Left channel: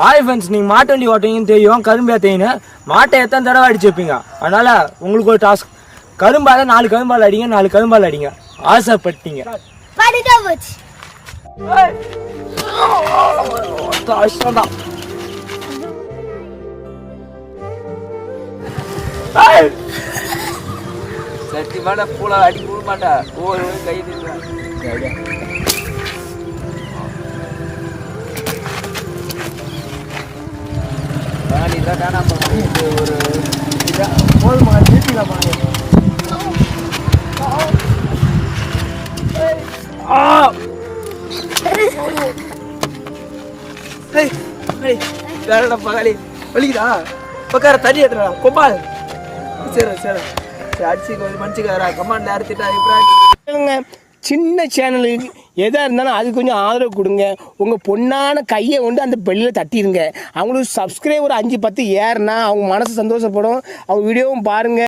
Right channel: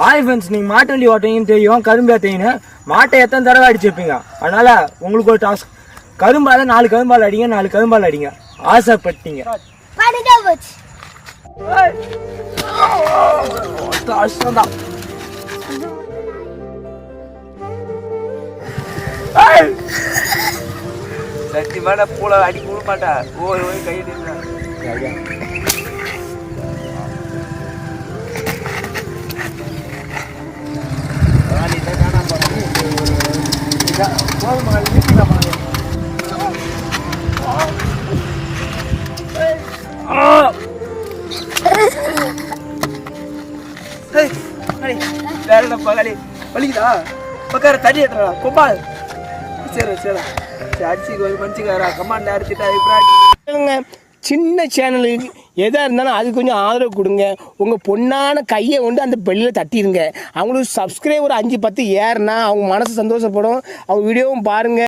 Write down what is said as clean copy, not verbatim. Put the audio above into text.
Hi friends, நீங்கள் மாட்டு வண்டி ஓட்டுவீங்கன்னு தெரியும், கரும்பு ஏற்றீங்கன்னு. மாட்டை எத்தனை தடவை அடிச்சு வைப்பீங்க. அதனால் உங்களுக்கு ஒரு டாஸ்க், கரும்பால் 4 கரும்பால் அடிங்க, 4 கரும்பால் அடிங்க. ஆசைப்பட்டீங்க. சத்தியமான பூளை அடி போட மாட்டா. ஒவ்வொரு கை பகாலி வலிக்குதா? உட்கார தண்ணி ஏத்துறா கொம்பால். சரி சரி அடிச்சு மனுச்சுக்காரா கமாண்ட் அடிச்சுட்டா. சின்ன சேனலுக்கு எதாக இருந்தாலும் அது கொஞ்சம் ஆதரவு கொடுங்க. உங்கள் பொண்ணான கையை கொண்டு அந்த பெல்லில் தட்டிடுங்க. அவங்களுக்கு சப்ஸ்கிரைபர் 5-10 ஏறுனா அவங்க மனசு சந்தோஷப்படும். அவங்க வீடியோவும் பாருங்கள்.